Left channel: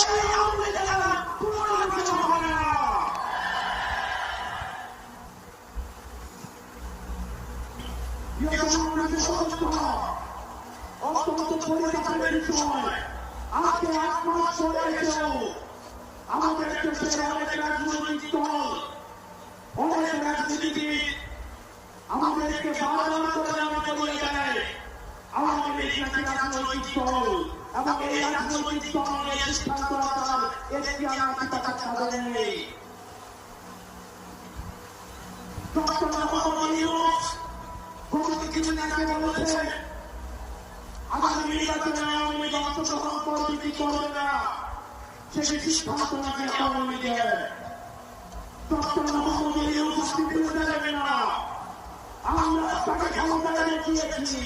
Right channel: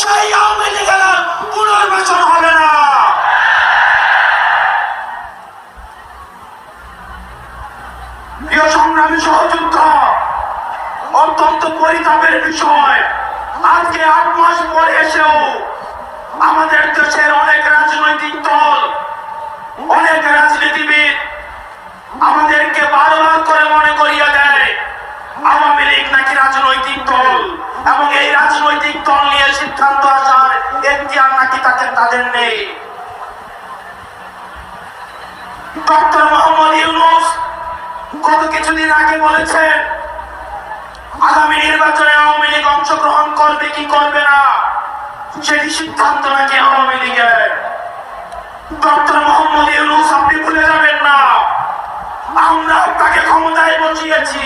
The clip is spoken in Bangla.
সেই আওয়ামী লীগের পুনর্বাসন হবে না। প্রিয় সংগ্রামী সহযোদ্ধা, অত্যন্ত পরিতাপের বিষয়, আজকে 8 মাস পরে এসেও আমাদের দেশের অনেক রাজনৈতিক দল, অনেক রাজনীতিবিদ আমাদেরকে বারবার করে মনে করিয়ে দেয় আওয়ামী লীগ নাকি রাজনৈতিক দল, এবং এই রাজনৈতিক দল নিয়ে সিদ্ধান্ত আসার এখতিয়ার নাকি তাদের নেই। ডক্টর মোহাম্মদ ইউনূস গত কিছুদিন আগে বলেছেন আগামী নির্বাচনে আওয়ামী লীগ অংশগ্রহণ করবে কি করবে না সেটি সিদ্ধান্ত নাকি আওয়ামী লীগের। ডক্টর মোহাম্মদ ইউনূস, আপনি ভুলে যাবেন না আমরা আপনাকে ক্ষমতায় বসিয়েছি।